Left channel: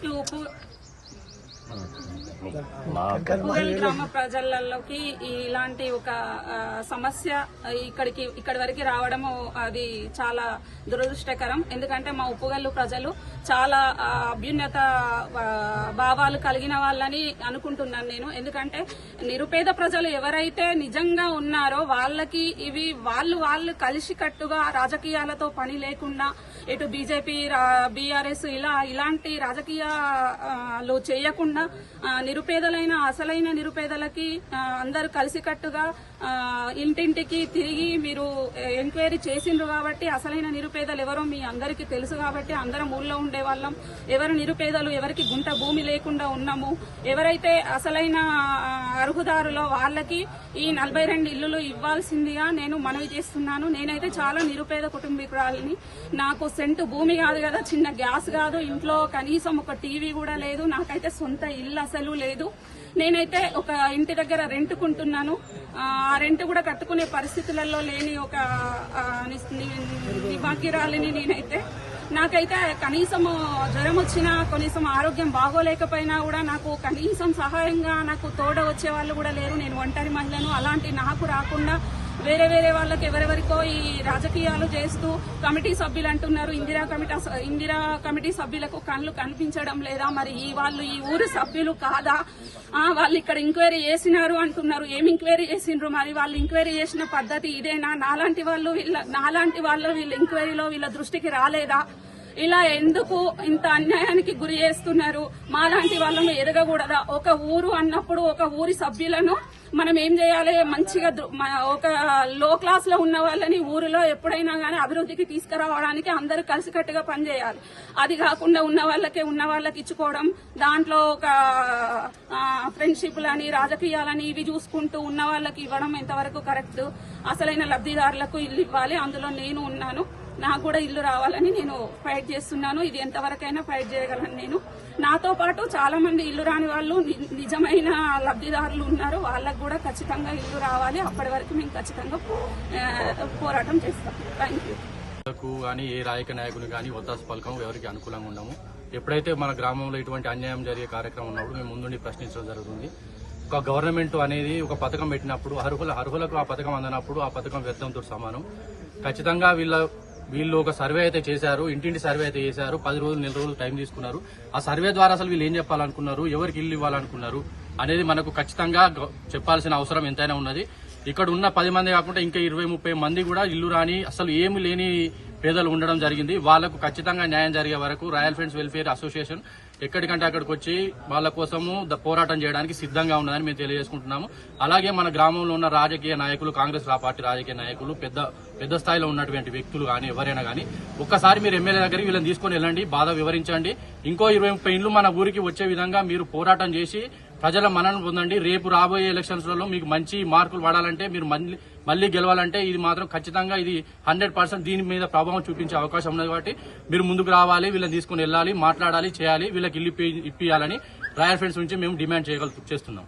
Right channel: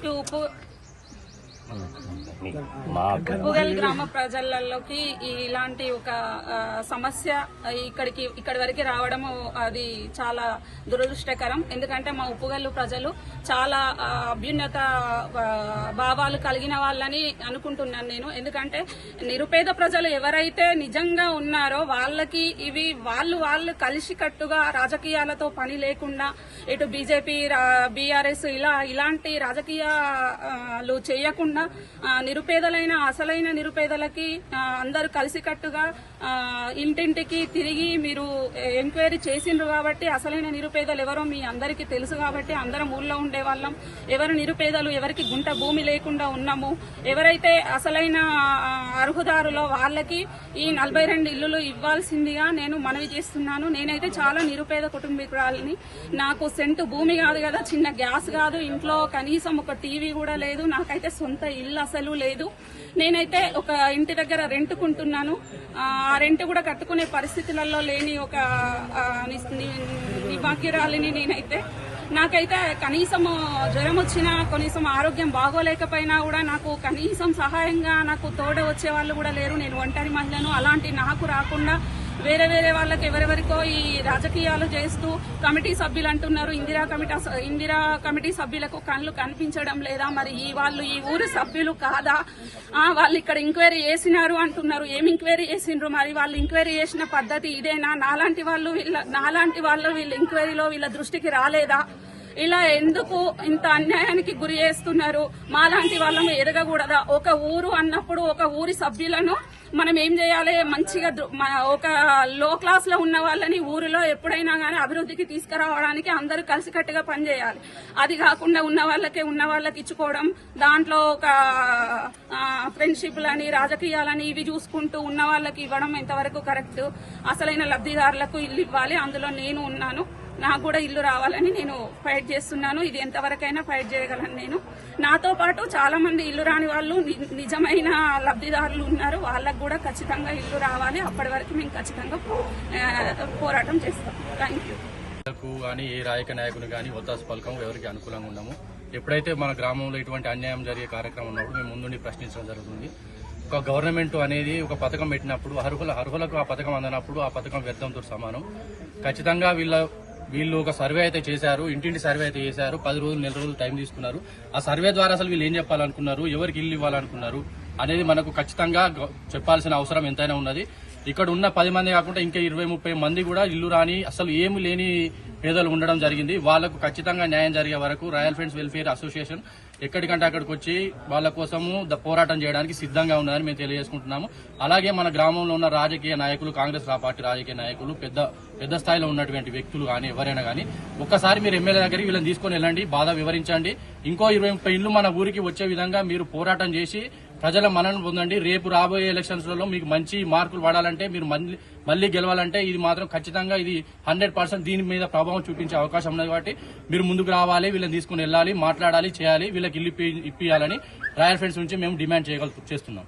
又不。ఉప్పుగల్ గ్రామ ప్రజలలోకి ఇలాంటి ఒక సమస్య ఇక్కడికి ఇక్కడి వరకు రావడము అది చాలా దురదృష్టకరం. ఎందుకంటే మా ఉప్పుగల్లు ప్రజలు చాలా అభ్యున్నత భావాలు కలిగిన వాళ్ళని అనుకుంటున్నాను నేను. ఎందుకంటే నిరుపేద ప్రజలు ఎవరైతే నిజంగా ఉన్నారో వాళ్ళకి ఇవి వాళ్ళు వాళ్ళు కలిసికట్టుగా రాజకీయాలతో పని లేకుండా ఇటు బీజేపీ బీఆర్ఎస్ ఇలా ఇలాంటి రాజకీయాలు చేయకుండా ఉన్న నిరుపేదలైన అసలైన నిరుపేదలకి అందరూ కలిసికట్టుగా ఇంటింటికి తిరిగి మీరు ఎంక్వైరీ చేసిండ్రు కాబట్టి అసలైన నిరుపేదలు ఎవరో మీ అందరికీ తెలుసు కాబట్టి అందరం ఊళ్ళో ఉండే వాళ్ళం ఎవరు నిరుపేదలు ఎవరికి గుంట భూమి లేకుండా ఉన్నాము. ఎవరైతే అసలైన అర్హుదారులో వాళ్ళకి ఈ నలభై రెండు ఇల్లులు ఇవ్వాల్సిందిగా నేను మనవి చేస్తున్నాను. నేనైతే చాలా నిరుపేద కుటుంబీకురాలని. నాకు సెంటు భూమి కాదు కదా చిన్న గ్యాస్ కాదు. ఇంట్లో కనీసం ఒక టీవీ కూడా లేదు. నాకైతే సొంత ఇల్లు అసలు లేదు. నేనైతే ఒక ఇంటి దగ్గర రెంట్కుంటున్నాను. ఆ ఆ రెంట్ కూడా కట్టుకునే పరిస్థితులలో లేని ఒక ఆ, నేనైతే. నాకైతే కనీసం జ్వరం వచ్చినా కనీసం ఆరోగ్యం బాగోలేకపోయినా కూడా నాకు కనీసం సహాయంగా నాకు తోడ వచ్చే వాళ్ళు కూడా లేరు. నేను ఒంటరి మహిళను. అలాంటి నాకు రాకుండా వేరే వేరే వాళ్ళకి ఎవరెవరికో ఈ రాజకీయాలు చేస్తూ కమిటీ సభ్యులు అంటున్నారు. ఇందిరా కమిటీ ఇందిరా కమిటీ సభ్యులకు కళ్ళు కనిపించడం లేదా మరి ఈ వాళ్ళు ఈ ఊరు సభ్యులు కాదా? వాళ్ళు ఇక్కడ ఎంక్వైరీ చేసినారు అంటున్నారు. ఏం ఎంక్వైరీ చేసిండ్రు మరి? వాళ్ళు ఎంక్వైరీ చేసిన పద్ధతి ఇదేనా? నాలాంటి వాళ్ళు వీళ్ళ నాలాంటి వాళ్ళు వీళ్ళ ఎంక్వైరీలో వీళ్ళ దృష్టికి రాలేదా? ఇలా ఎందుకు ఇంత అన్యాయానికి గురి చేస్తున్నారు? మాలాంటి వాళ్ళము ఎదగకూడదా ఒక ఊరు అన్నప్పుడు ఒక ఊరి సభ్యులను మనం ఏం చేయాలి? మంచిగా దృ- మన ఒక లో క్లాస్లో ఉన్న వాళ్ళని ఊరిలో ఎప్పుడైనా గానీ అభివృద్ధికి తీసుకురావడానికి అందరూ కలిసికట్టుగా పనిచేయాలి అది కాకుండా ఉన్న వాళ్ళకే ఉన్న వాళ్ళకి ఇచ్చుకోవడం దాంట్లో ఒక ఫ్రెండ్షిప్లని రాజకీయాలని ఇవి చూసుకుంటూ ఉన్న వాళ్ళకి ఇవ్వడం ఎంతవరకు కరెక్ట్ అసలైన లబ్ధిదారులకు ఇల్లు ఇవ్వాలి. అందులో నేను ఉన్నాను. నాకు కూడా ఇల్లు రావాలని నేను ఫైట్ చేస్తున్నాను. ఇది ఎంతవరకైనా ఫైట్ చేయగలను నేను. నాతో పాటు చాలా మంది ఇల్లు రాని వాళ్ళు ని- నిజమైన లబ్ధిదారులు ఉన్నారు. వాళ్ళకు కూడా ఖచ్చితంగా ఇల్లు రావాలి. అప్పటి వరకు మేము ఖచ్చితంగా పోరాటం చేస్తాం. థ్యాంక్ యూ కానీ ఏ రాయక నాయకుని కానీ ఒత్తాసు పలకం ఎవరికి అనుకూలంగా ఉండము. ఎప్పుడైతే మన గ్రామంలో ఇటువంటి అన్యాయం జరిగే కార్యక్రమం ఉన్నప్పుడు మేము ముందుండి ప్రశ్నించడం జరుగుతుంది. ఒక గవర్నమెంట్ అనేది ఒక పథకం పెట్టినప్పుడు అర్హుల అర్హులకు ఆ పథకం అందినప్పుడు ఆ పథకం వ్యర్థంతో సమానం. ఖచ్చితంగా వీళ్ళ వీళ్ళు ఒక సర్వే అయితే చేశారు ఇంటింటి సర్వే అయితే చేశారు పది రోజులు నెల రోజులు టైం తీసుకున్నారు. ఆ సర్వే ద్వారా అసలు వీళ్ళు ఏం చెప్పాలనుకున్నారు ఎవరికి ఇల్లు ఇవ్వాలనుకున్నారు అనేది మనకు ఖచ్చితంగా చెప్పాల్సిన అవసరం ఎంతైనా ఉన్నది. ఇక్కడ ఉన్న పది మంది కాకుండా ఇంకా ఇరవై ముప్పై మంది కూడా ఇల్లు రాని అసలు ఏమి లేని పేదలు ఉండడం జరిగింది. వాళ్ళకు ఖచ్చితంగా న్యాయం జరిగే వరకు రాయల్ ఫ్రెండ్స్ వెల్ఫేర్ అసోసియేషన్ ఎక్కడికంటే అక్కడికి వచ్చి వాళ్ళ కోసము ద- పోరాటం చేయడానికి సిద్ధంగా ఉన్నదని మేము తెలియజేసుకుంటున్నాము. అలాగే మన గ్రామంలో ఉన్న రాజకీయ నాయకులు కాంగ్రెస్ పార్టీ రాజకీయ నాయకులు పెద్ద పెద్ద స్థాయిలో ఉన్నటువంటి వ్యక్తులు కానీ ఎవరైనా కానీ ఒక్కసారి మీరు ఎమ్మెల్యే దగ్గరికి వీళ్ళని తీసుకొని వెళ్ళండి బాధ వివరించండి. ఇంకో ఇరవై ముప్పై ఇండ్లు మన ఊరికి వచ్చే విధంగా మీరు పోరాటం చేసి ప్రజల మనను పొందండి. రేపు రాబోయే ఎలక్షన్స్లో మీకు మంచి మార్కులు పడాలంటే మీరు మళ్ళీ మళ్ళీ గెలవాలంటే ఇది మాత్రం ఖచ్చితంగా ఇది హండ్రెడ్ పర్సెంట్ దీని మీద ప్రభావం చూపించే అవకాశం ఉన్నది కాబట్టి మీరు ముందుకు రావాలి వీళ్ళని తీసుకుని వెళ్ళాలి మాట్లాడాలి చేయాలి వీళ్ళకి ఇల్లు ఇప్పియాలని రాయల్ ఫ్రెండ్స్ నుంచి మేము డిమాండ్ చేయగల చేస్తున్నాం.